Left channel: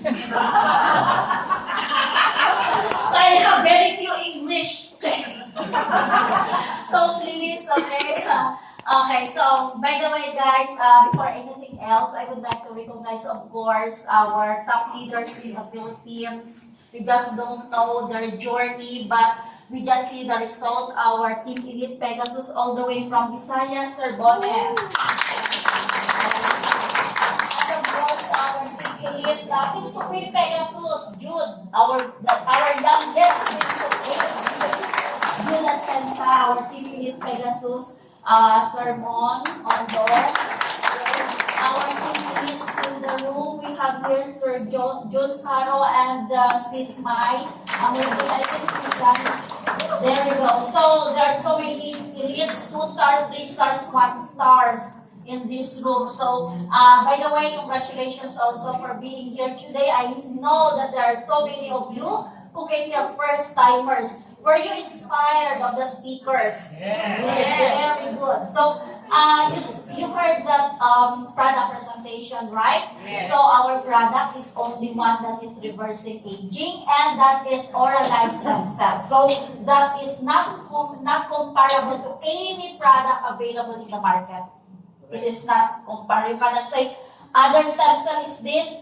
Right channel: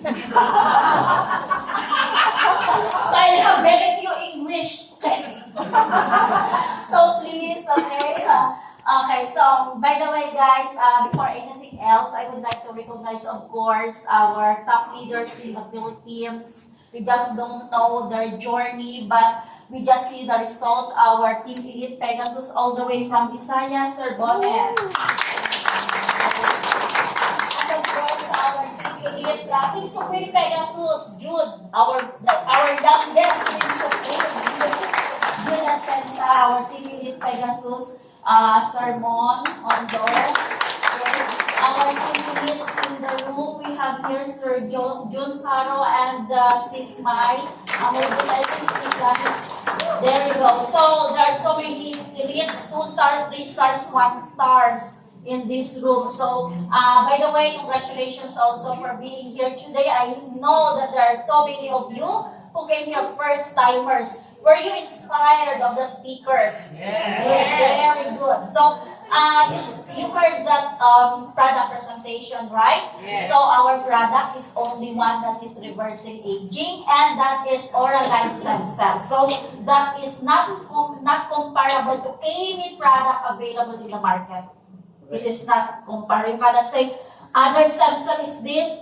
So I have very few English. So please, okay. Okay, so by the way, guys, before anything else, I would like to recognize, of course, our top leaders in the Philippines. We just don't know their journey, but we just see the result. Our Team Elite Pegasus, all the way from Visayas, Sir Bonnet. And of course, our Team Elite, Team Supreme Pegasus, Jude, our youngest Team Supreme. Jude Atienza, our Team Elite Pegasus, Sir Mon Ondo. Our team leads in the room, we have here Sir Jun Faro and Sis Mai. I think she's there you go. So there are so many elites, 2 stars, 3 stars, 1 stars in this room. So by the way, congratulations also for being here today. I know that there are so many of you who came here first timers. Were you inspired of the speakers? Yeah. Very good. So, you heard that product presentation, right? Yes. So, our product is only one that is reversing aging, and that is Oralife Stem Cells. So, that is not comparable to any product available in the market. It is not comparable. You cannot say, other stem cell is this.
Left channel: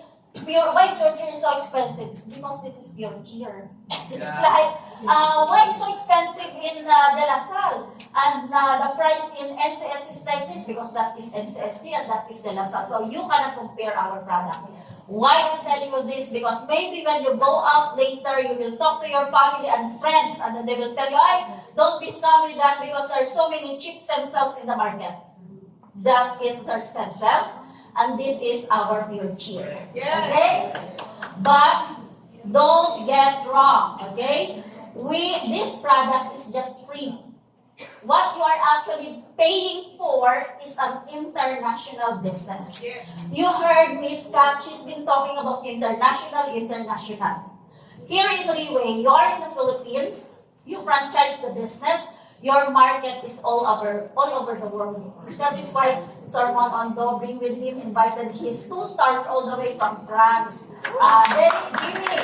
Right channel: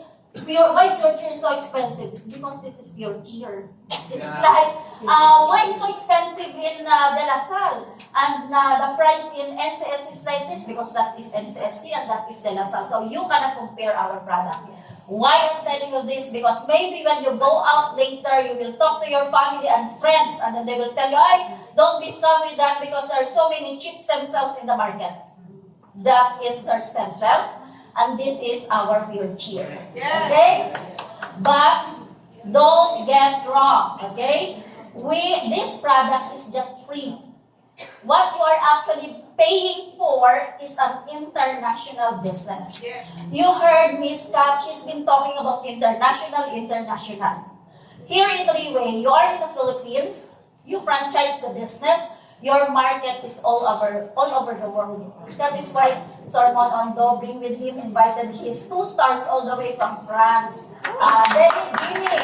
Why pure cheer is so expensive? Because this is pure cheer. It's like, why is so expensive in De La Salle? And the price in NCS is like this because that is NCSC and that is De La Salle. So you cannot compare our product. Why I'm telling you this? Because maybe when you go out later, you will talk to your family and friends and then they will tell you, "Ay, don't be scam with that because there are so many cheap stem cells in the market." That is their stem cells. And this is our pure cheer. Yes. Okay? But don't get wrong. Okay? This product is just free. What you are actually paying for is an international business. Yes. You heard Miss Kat, she's been talking about international. Here in Riway, you are in the Philippines, you franchise the business, your market is all over the world. That is why Sir Mon Ondo, bring with him, invited his 2 stars all the way from France. David Jimmy.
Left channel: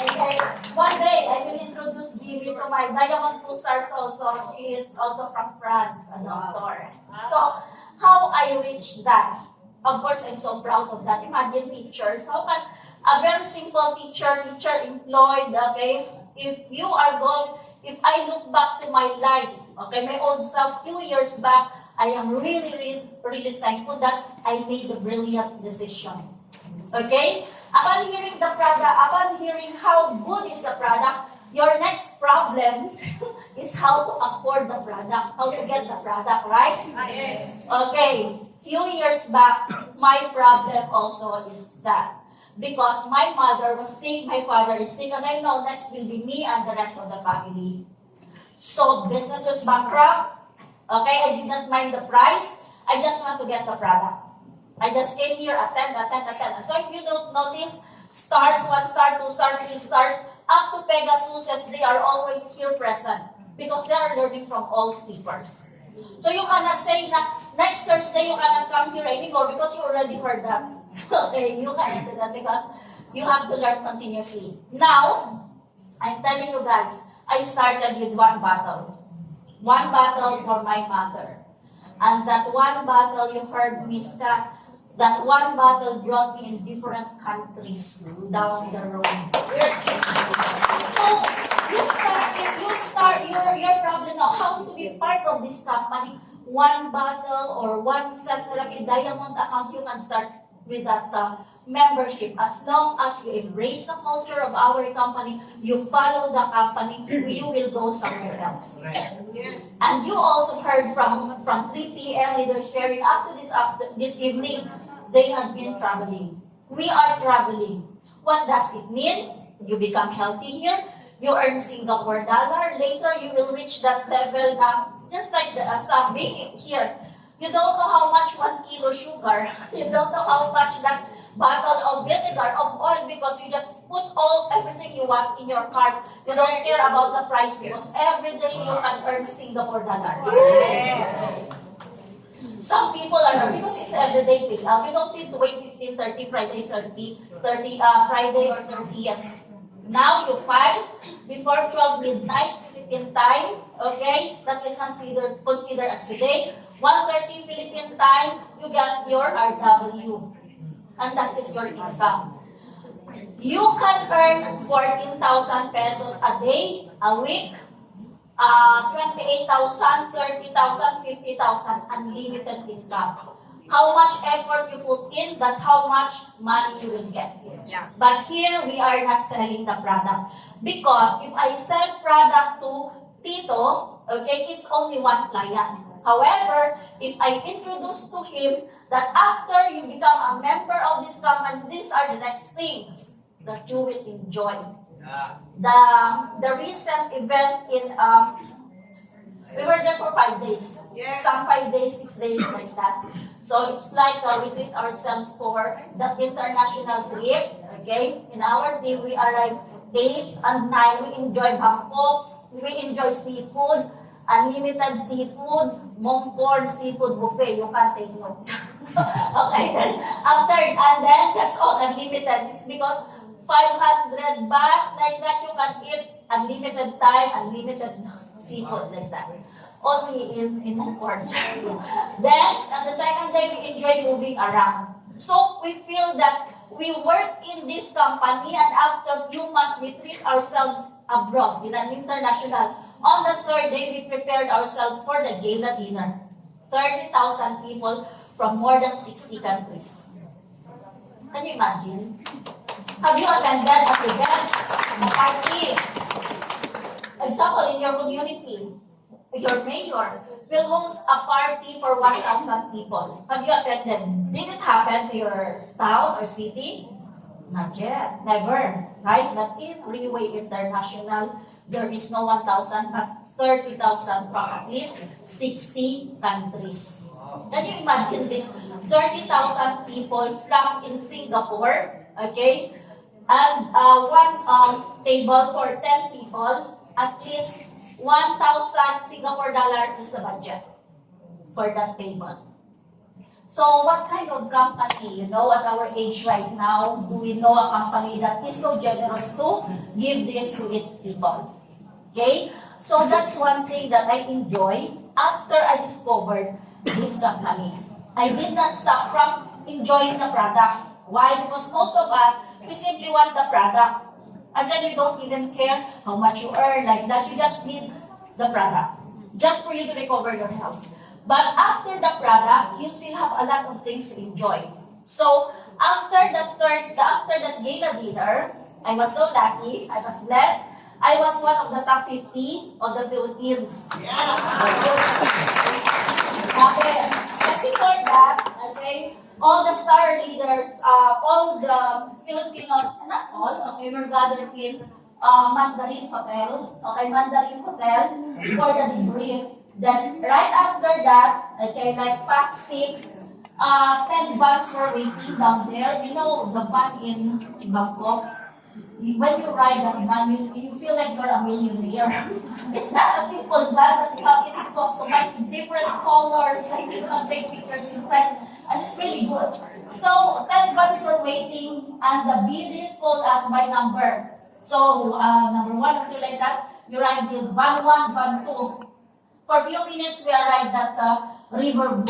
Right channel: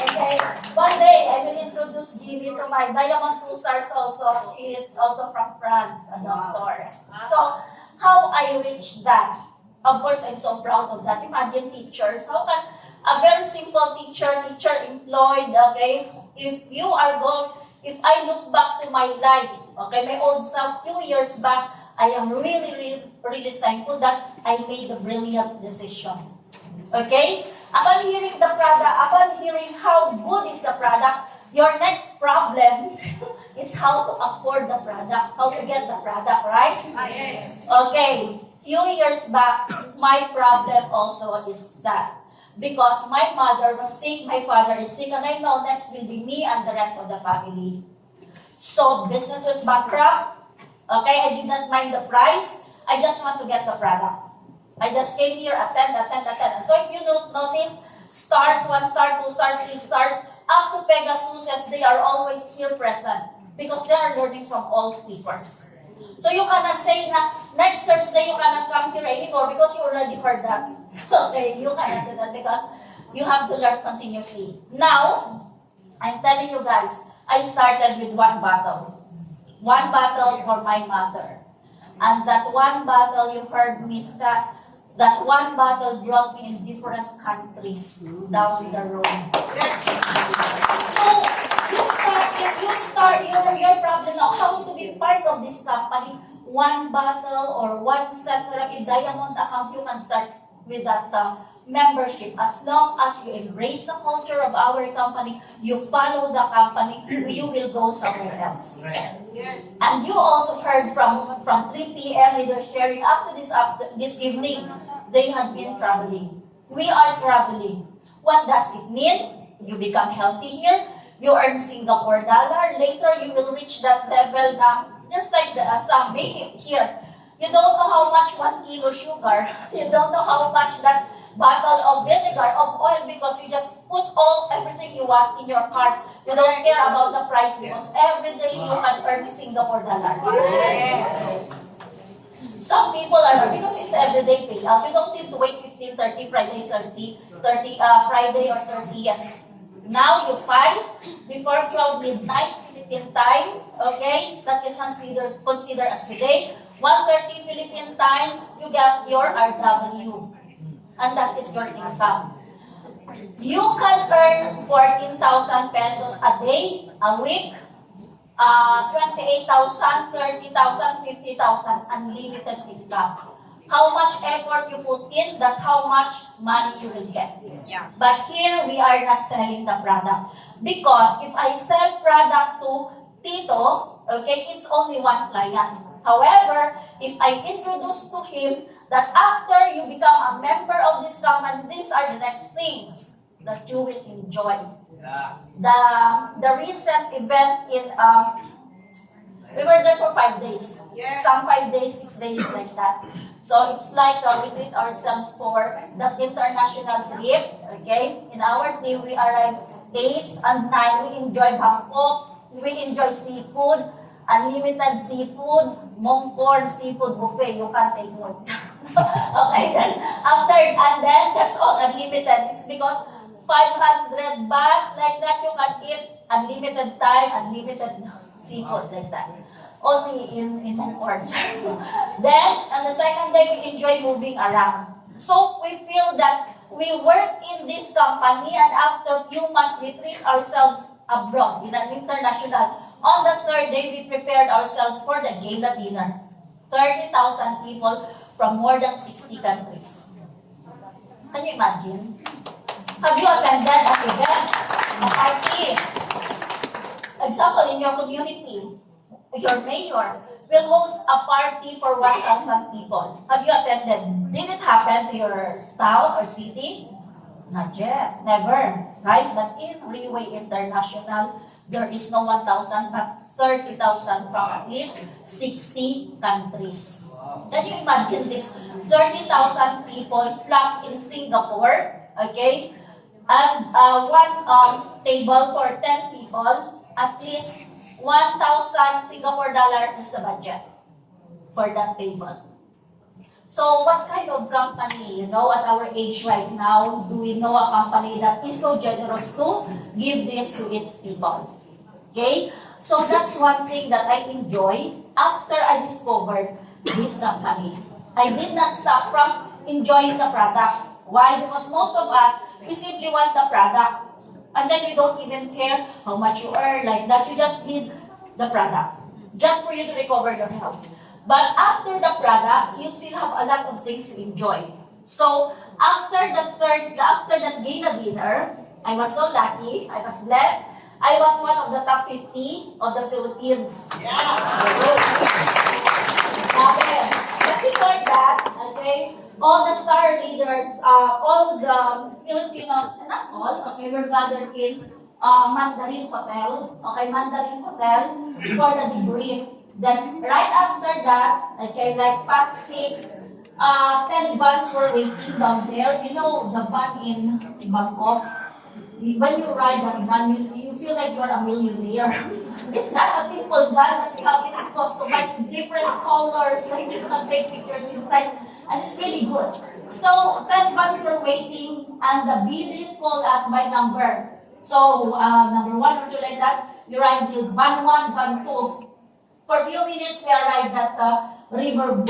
Okay, one day I will introduce Jimmy to my Diamond 2 stars also. She is also from France, a doctor. So, how I reached that? Of course, I'm so proud of that. Imagine teachers. How can a very simple teacher employed, okay? If I look back to my life, okay, my old self, few years back, I am really thankful that I made a brilliant decision. Okay? Upon hearing the product, upon hearing how good is the product, your next problem is how to afford the product, how to get the product, right? Yes. Okay, few years back, my problem also is that. Because my mother was sick, my father is sick, and I know next will be me and the rest of the family. So business was bankrupt. Okay, I did not mind the price. I just want to get the product. I just came here, attend. And so if you don't notice, stars, 1 star, 2 star, 3 stars, up to Pegasus, as they are always here present. Because they are learning from all speakers. So you cannot say na next Thursday you cannot come here anymore because you already heard that. Okay, you cannot do that because you have to learn continuously. Now, I'm telling you guys, I started with 1 bottle. 1 bottle for my mother. And that 1 bottle, you heard Miss Kat, that 1 bottle brought me in different countries down the road. So, you start your problem now, how to be part of this company. 1 bottle or 1 set therapy diamond account, you can start with that membership. As long as you embrace the culture of our company, you follow the company, you will go somewhere else. Yes. And you also heard from 3 p.m. leaders sharing up to this evening, they have been traveling. We are traveling. What does it mean? You become healthy here. You earn Singapore dollar. Later, you will reach that level na, just like some being here. You don't know how much 1 kilo sugar. You don't know how much that bottle of vinegar, of oil, because you just put everything you want in your cart. You don't care about the price because every day you can earn Singapore dollar. Some people are, because it's everyday payout, you don't need to wait 15, 30, Friday, 30, Friday or 30th. Now you file before 12 midnight Philippine time, okay? That is considered as today. 1:30 Philippine time, you get your RW. And that is your income. You can earn 14,000 pesos a day, a week, 28,000, 30,000, 50,000, unlimited income. How much effort you put in, that's how much money you will get. Yeah. But here, we are not selling the product. Because if I sell product to Tito, okay, it's only one client. However, if I introduce to him that after you become a member of this company, these are the next things that you will enjoy. Yeah. The recent event in we were there for 5 days. Yes. Some 5 days, 6 days like that. So it's like we treat ourselves for the international trip. Okay? In our team, we arrived 8 and 9. We enjoy Bangkok. We enjoy seafood, unlimited seafood, Mongkor seafood buffet. You can take note. Okay, then and then that's all unlimited. It's because 500 baht like that you can eat unlimited time, unlimited seafood like that. Only in Mongkor. Then on the second day we enjoy moving around. So we feel that we work in this company and after few months we treat ourselves abroad in an international. On the third day we prepared ourselves for the gala dinner. 30,000 people from more than 60 countries. Can you imagine? Have you attended an event, a party? Example, in your community, your mayor will host a party for 1,000 people. Have you attended? Did it happen to your town or city? Not yet. Never. Right? But in Riway International, there is no 1,000 but 30,000 from at least 60 countries. Can you imagine this? 30,000 people flocked in Singapore, okay? And one table for 10 people, at least 1,000 Singapore dollar is the budget for that table. So what kind of company, at our age right now, do we know a company that is so generous to give this to its people? Okay? So that's one thing that I enjoy after I discovered this company. I did not stop from enjoying the product. Why? Because most of us, we simply want the product. And then we don't even care how much you earn, like that. You just need the product. Just for you to recover your health. But after the product, you still have a lot of things to enjoy. So, after that gala dinner, I was so lucky, I was blessed. I was one of the top 50 of the Philippines. Okay. But before that, okay, all the star leaders, all the Filipinos, not all, okay, were gathered in Mandarin Hotel. Okay, Mandarin Hotel for the debrief. Then, right after that, okay, like past 6, 10 vans were waiting down there. You know, the van in Bangkok. When you ride that van, you feel like you're a millionaire. It's not a simple van that you have. It is customized with different colors, like you can take pictures inside, and it's really good. So, 10 vans were waiting, and the BDs called us by number. So, number 1 or 2 like that, you ride with van 1, van 2. For a few minutes, we arrived at the river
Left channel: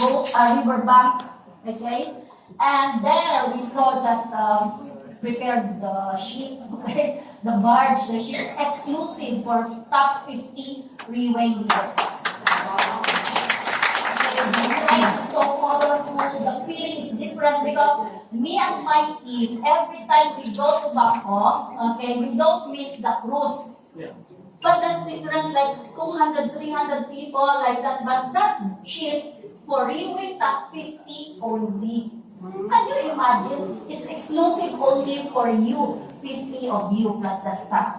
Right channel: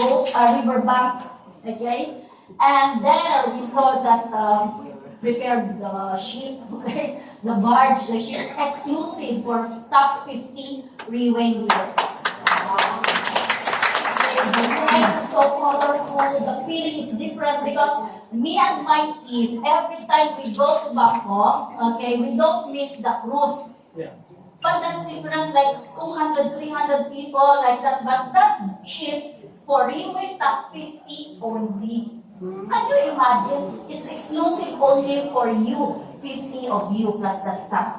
bank, okay? And there we saw that prepared the ship, okay? The barge, the ship, exclusive for top 50 Riway leaders. Okay, the lights is so colorful, the feeling is different because me and my team, every time we go to Bangkok, okay, we don't miss the cruise. Yeah. But that's different, like 200, 300 people like that. But that ship for Riway top 50 only. Can you imagine? It's exclusive only for you, 50 of you plus the staff.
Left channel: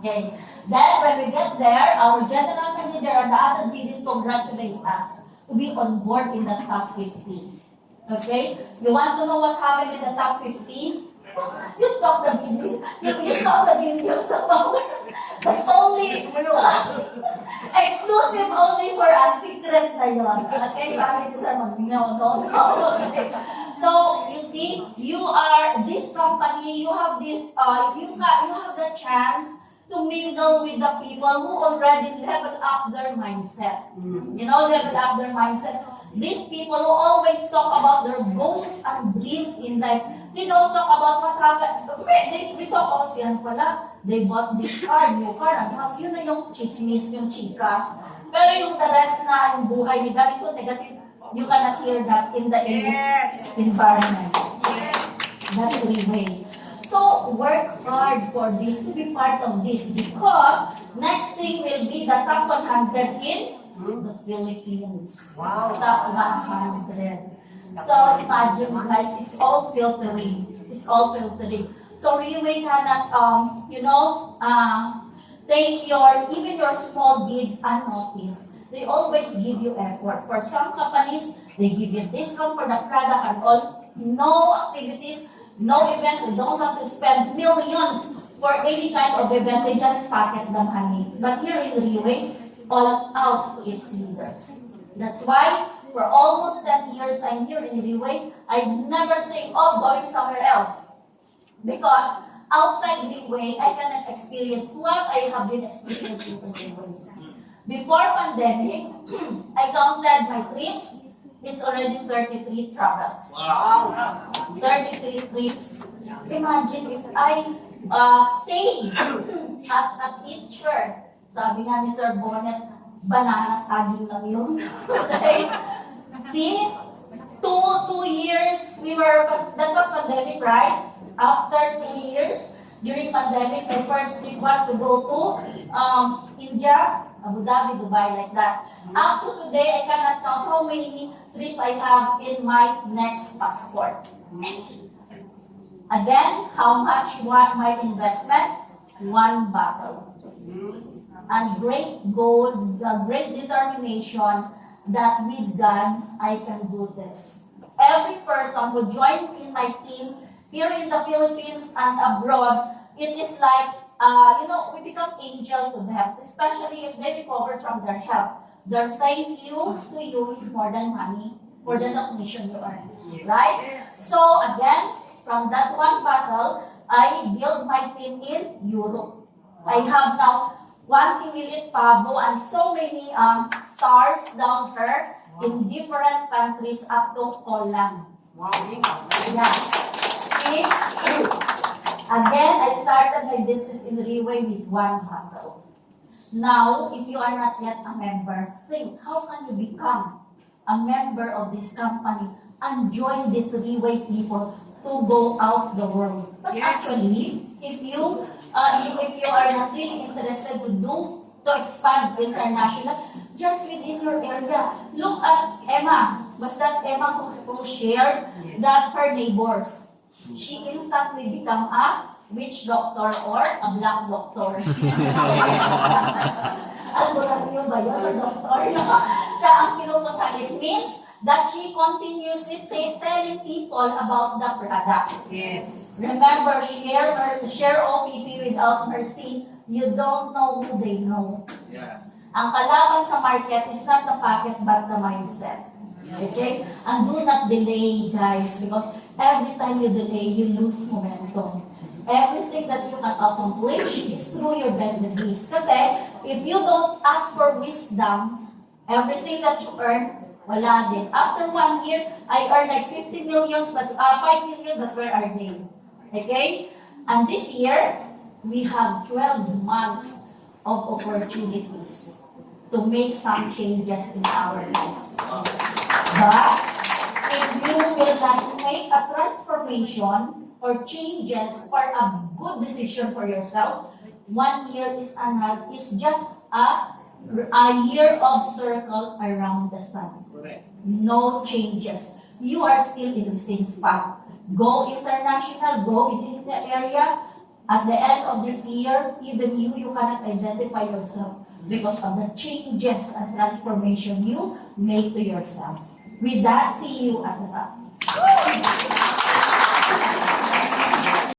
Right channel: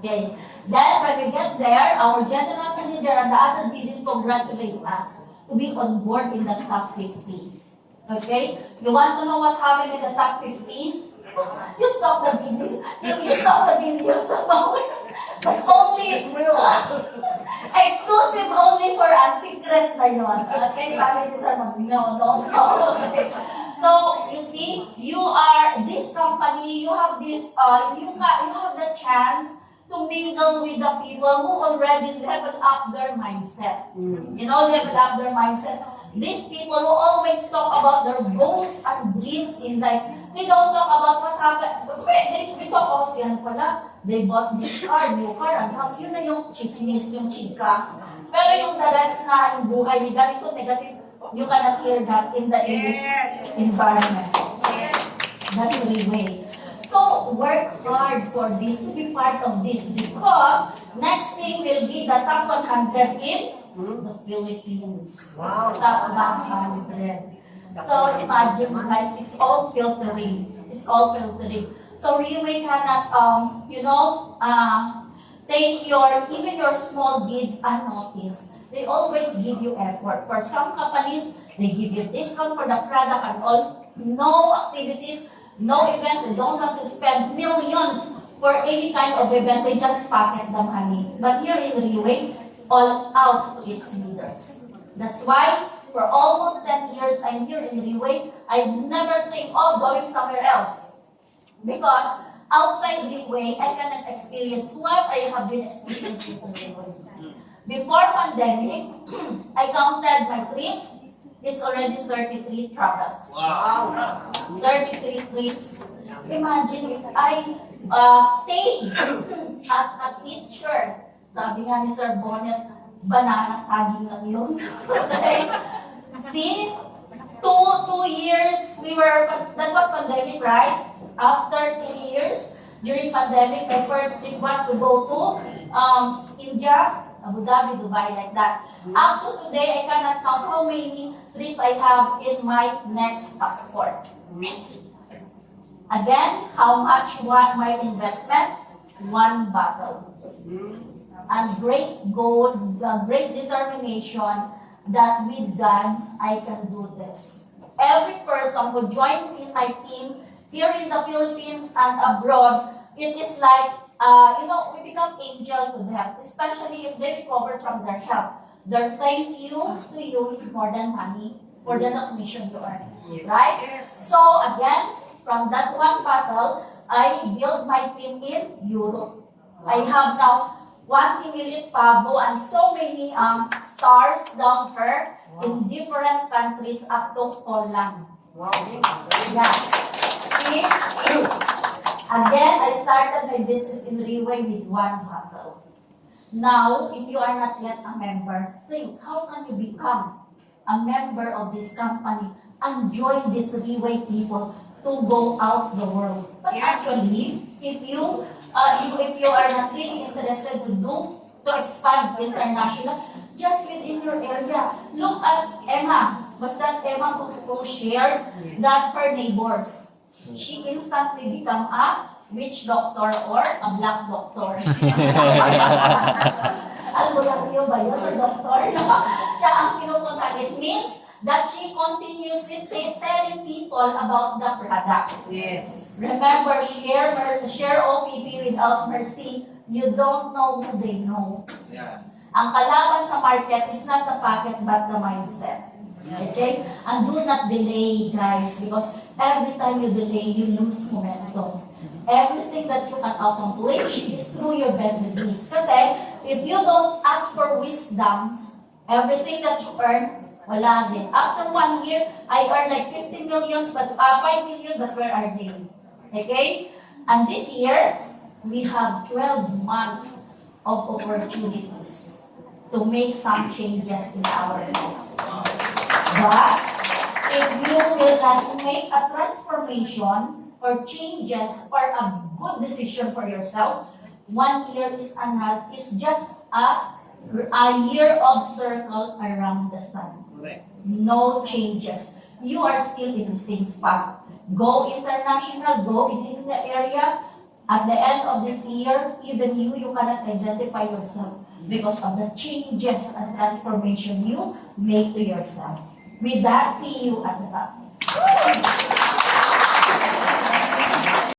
Okay. Then when we get there, our general manager and the other BDs congratulate us to be on board in the top 50. Okay? You want to know what happened in the top 50? You stop the videos. You stop the videos. That's only Exclusive only for us. Secret na yun. Okay, sabi ni Sir, no. Okay. So, you see, you are, this company, you have this, you have the chance to mingle with the people who already leveled up their mindset. Leveled up their mindset. These people who always talk about their goals and dreams in life, they don't talk about what happened. They talk about yan pala. They bought this car, new car, and house. Yun na yung chismis, yung chika. Pero yung the rest na, yung buhay ni ganito, negative, you cannot hear that in the environment. That's the way. So, work hard for this, to be part of this, because next thing will be the top 100 in the Philippines. Wow. Top 100. So, imagine guys, it's all filtering. It's all filtering. So, Riway cannot, take even your small deeds unnoticed. They always give you effort. For some companies, they give you discount for the product and all. No activities, no events. They don't want to spend millions for any kind of event. They just pocket the money. But here in Riway, all out its leaders. That's why for almost 10 years I'm here in Riway, I never think of going somewhere else. Because outside Riway, I cannot experience what I have been experiencing in Riway. Before pandemic, I counted my trips. It's already 33 travels. Wow. 33 trips. Imagine if I stay as a teacher. Sabi nga ni Sir Bonnet, banana saging lang yun. Okay? See? Two years, that was pandemic, right? After 2 years, during pandemic, my first trip was to go to India, Abu Dhabi, Dubai, like that. Up to today, I cannot count how many trips I have in my next passport. Again, how much my investment? 1 bottle. And great goal, great determination that with God, I can do this. Every person who joined in my team here in the Philippines and abroad, it is like, we become angel to them, especially if they recover from their health. Their thank you to you is more than money, more than a commission to earn. Right? So again, from that 1 bottle, I build my team in Europe. I have now 1 Timilit Pavo and so many stars down here in different countries up to Poland. Wow. Yeah. See? Again, I started my business in Riway with 1 bottle. Now, if you are not yet a member, think, how can you become a member of this company and join these Riway people to go out the world? But actually, if you are not really interested to expand international, just within your area, look at Emma. Was that Emma who shared that her neighbors? She instantly become a witch doctor or a black doctor. Alam mo lang yun ba yun? A doctor, no? Siya ang pinupunta. It means that she continuously telling people about the product. Yes. Remember, share OPP without mercy. You don't know who they know. Yes. Ang kalaban sa market is not the packet but the mindset. Okay? And do not delay, guys, because every time you delay, you lose momentum. Everything that you can accomplish is through your bended knees. Kasi, if you don't ask for wisdom, everything that you earn, wala din. After 1 year, I earn like 50 millions, but 5 million, but where are they? Okay? And this year, we have 12 months of opportunities to make some changes in our life. But if you will not make a transformation or changes or a good decision for yourself, 1 year is just a year of circle around the sun. No changes. You are still in the same spot. Go international, go in the area. At the end of this year, even you cannot identify yourself because of the changes and transformation you make to yourself. With that, see you at the top.